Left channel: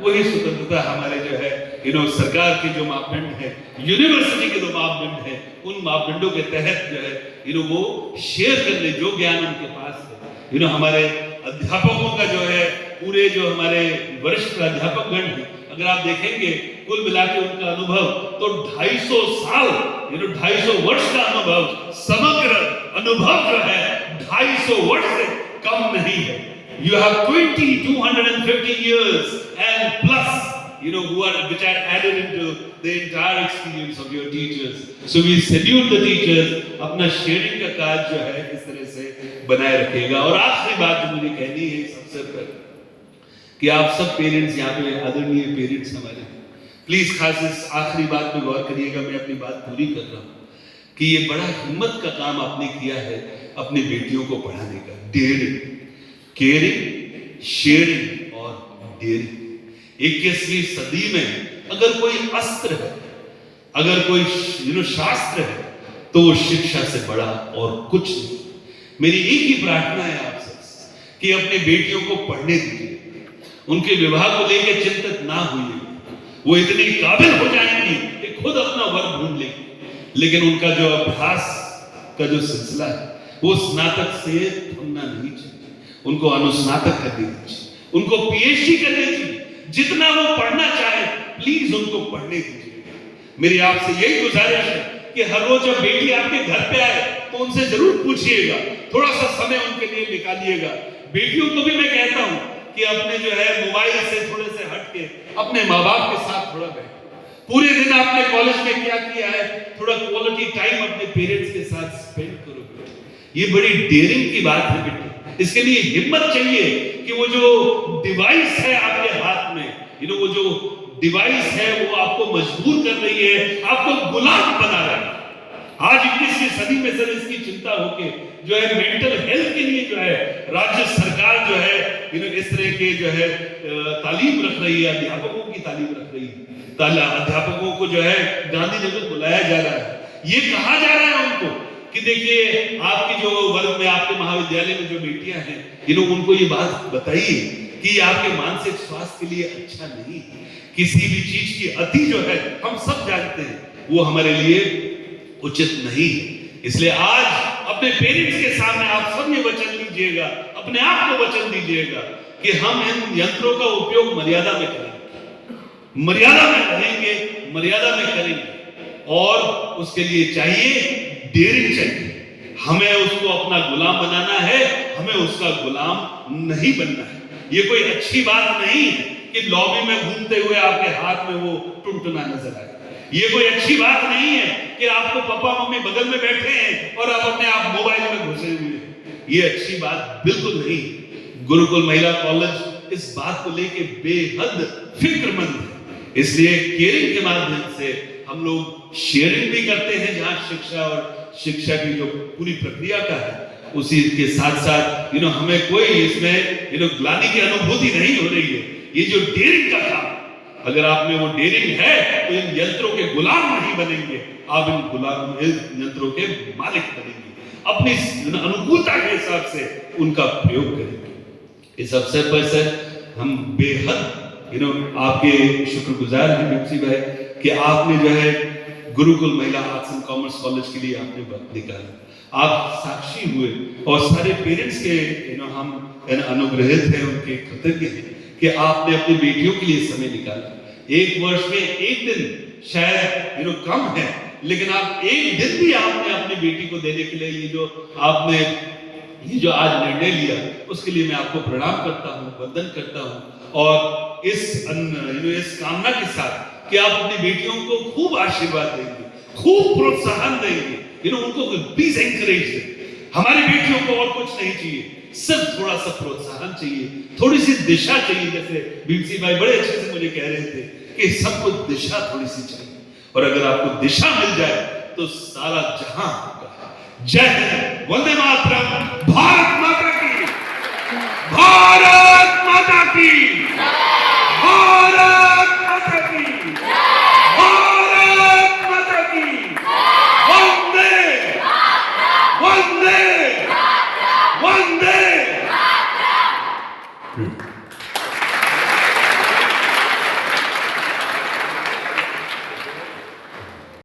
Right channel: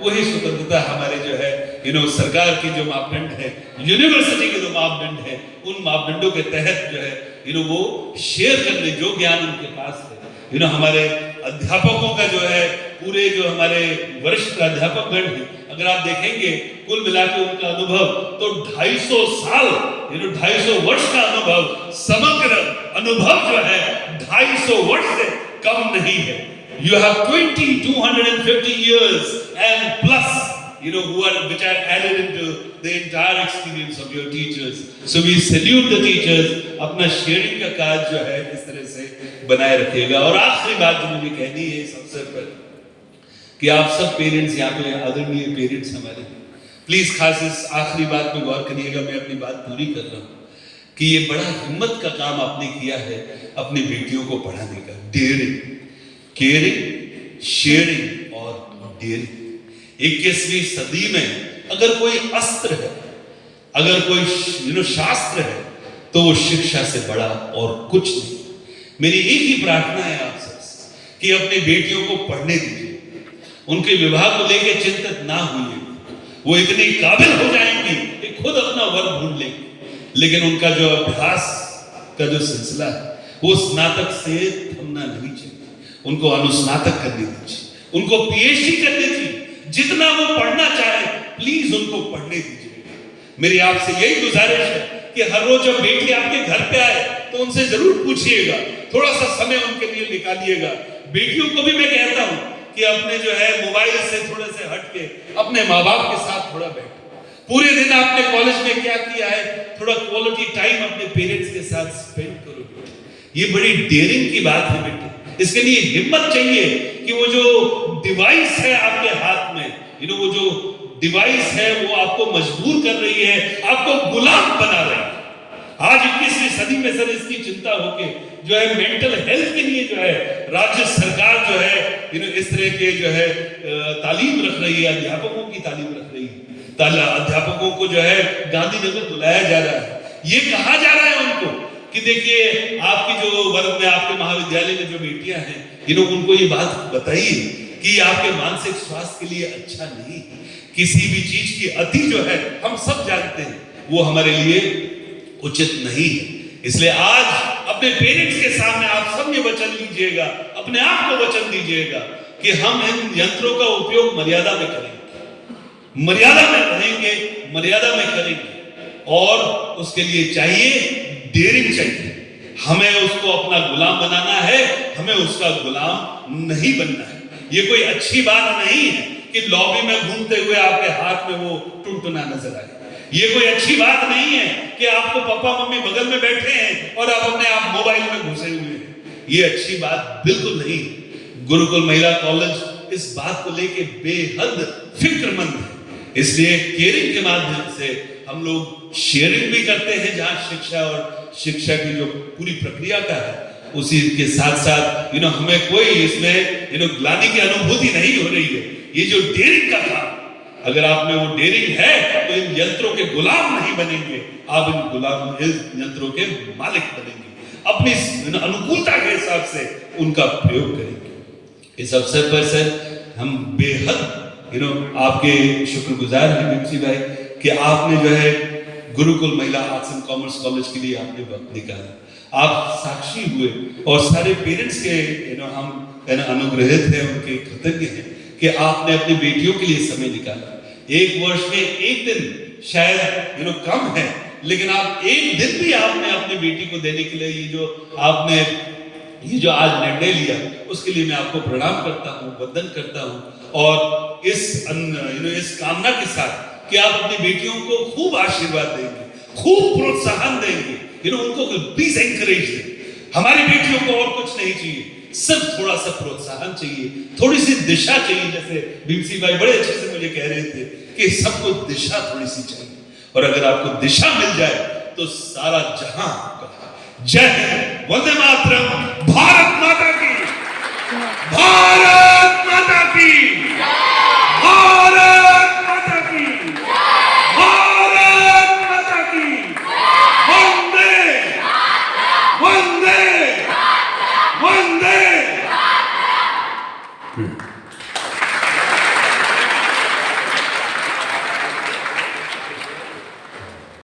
वही स्वतंत्रता हमारे जो है सरकार के जो मापदंड है, यूनिवर्सिटी के जो मापदंड है, उन मापदंडों के तहत जो है वो शेयर कर ले जो ज्ञान उनके पास है। हमारे अध्यापकों का जो है, पूरे जो हमारे वरिष्ठ प्राध्यापक गण है, अगर आप देखेंगे कुल मिला के उनका अनुभव तो 250 साल 250 वर्ष का अनुभव, समग्र अनुभव जो है 250 वर्ष से कम नहीं है। You have 250 years and plus, which are added into the entire experience of your teachers. So we salute the teachers. अपना शेयरिंग का कार्य जो है इस तरह से बनाए रखिएगा। और आखिरी बात जो मुझे कहनी है इस अवसर पर, कि आप सब पेरेंट्स यहाँ पे आदरणीय पेरेंट्स हमारे, प्लीज खास इस आखिरी बात पे गौर करिएगा। मैं अपनी बात पूरी कर रहा हूँ कि ये बड़ा हिम्मत का काम आपने किया है अपनी बेटियों को पढ़ाने का। डेयरिंग, केयरिंग, शेयरिंग और डेयरिंग। 21वीं सदी में अगर कोई अस्त्र है, अगर कोई शास्त्र है, तो वो शिक्षा से बड़ा और कुछ नहीं। मेरी एक ही प्रार्थना है आप सबसे कि अपनी बेटियों को पढ़ने दीजिए, उनके विवाह को लेकर चिंतित ना होइए। वो इतनी काबिल हो जाएंगी कि खुद अपना वर ढूंढ लेंगी, लेकिन उनका जो अभ्यास का जो सिलसिला है वो स्नातक से थमना नहीं चाहिए। उनको अनुस्नातक करने दीजिए, उनको पीएचडी करने दीजिए, जितना वो पढ़ना चाहे प्लीज उनको पढ़ने दीजिए। मेरी आपसे यही गुजारिश है कि हर रोज जब बेटी आपके घर पे आए तो उनसे जरूर पूछिएगा, थोड़ा सा समय उनके लिए निकालिएगा। बेटियों को भी मैं कहता हूं कि अपने जो है मोबाइल से थोड़े से हट के अपने माँ बाप के साथ थोड़ा बैठो। पूरे दिन आपने कॉलेज में क्या किया है, थोड़ा क्वालिटी टाइम अपने पेरेंट्स के साथ स्पेंड करो। ये बड़ी डेयरिंग की बात है बेटे। इसके लिए हिम्मत चाहिए कि वो जो डिवाइस है आपके हाथ में, वो जो डिवाइस है वो आपको मजबूर कर रही है, आपको गुलाम बना रही है। आज 21वीं सदी में सर इसकी चिंता होके जो है मेंटल हेल्थ के लिए जो है राज्य सरकार जो है इस तरह के जो है तालीम रख रही है, अध्यापकों की तालीम रख रही है। अध्यापकों को जो है गांधीनगर बुलाया जा रहा है। ये कहा जा रहा है उनको कि देखिए आपकी जो वर्ग में, आपके महाविद्यालय में जो बेटियां हैं, उनको ये बात बताइए कि आपके मानसिक स्वास्थ्य के लिए अच्छा नहीं। किसी भी चीज की अति जो है हम सब जानते हैं वो हमारे लिए उचित नहीं है। इसलिए आज अपने पेरेंट्स के सामने आप सब ये वचन लीजिएगा, अपने आप को वचन दीजिएगा कि हम इन यंत्रों का उपयोग मर्यादा में करेंगे, मर्यादा में रहेंगे, मर्यादा में करेंगे। और उसके लिए चाहिए डेयरिंग चाहिए। हमें उसको अपना गुलाम बनाना है, हमें उसका गुलाम नहीं बनना है। ये कोई अच्छी बात नहीं है कि लॉबी में घूमते हुए आपके हाथ में वो टुनटुना नजर आए। ये कोई अच्छी बात नहीं है कि आपको पापा मम्मी बगल में बैठे हैं और आप अपने आप मोबाइल में घुसे हुए हैं। ये अच्छी बात बिल्कुल नहीं है। गुरुकुल महिला कॉलेज इस बात को लेके बेहद फिक्रमंद है। इसलिए केयरिंग के माध्यम से हम लोग शेयरिंग भी करते हैं, जहां शिक्षा और शिक्षा की जो पूरी प्रक्रिया का है उसी के साथ साथ हमें कोई इसमें ग्लानि की अनुभूति नहीं हो रही है। ये जो डेयरिंग का काम, अगर आप में वो डेयरिंग है तो इन यंत्रों के गुलाम नहीं बनेंगे, आप इन यंत्रों के मालिक बनेंगे, अपनी अनुकूलता के हिसाब से उनका प्रयोग करेंगे। इस अवसर पर सर हम बेहद आपके शुक्रगुजार हैं बीमसी भाई कि आपने जो है गुरुकुल महिला आर्ट्स एंड कॉमर्स कॉलेज के लिए आपने वक्त निकाला। आप साक्षी हुए और सारे पेरेंट्स के हम अनुग्रहित हैं, उनके कृतज्ञ हैं कि आपने अपनी बेटियों के लिए समय निकाला। एक वर्ष में एक दिन शायद कम है, लेकिन आप एक दिन भी आपने अपनी बेटी को देने के लिए ये जो आज निर्णय लिया, उसके लिए मैं आपको प्रणाम करता हूँ, वंदन करता हूँ। और इस कामना के साथ कि आप अपनी बेटियों को खूब आशीर्वाद देंगे, खूब प्रोत्साहन देंगे, उनको प्लीज एनकरेज दें। हमारी बेटियों को और कुछ नहीं चाहिए, सिर्फ थोड़ा सा प्रोत्साहन चाहिए, थोड़ी सी दिशा चाहिए। जैसे बीमसी भाई बड़े अच्छे से मुझे कह रहे थे कि सबको दिशा थोड़ी सी चाहिए, और अगर आपको दिशा मिल जाए तो सारा जहां होगा। जय हिंद, वंदे मातरम, भारत माता की, भारत माता की।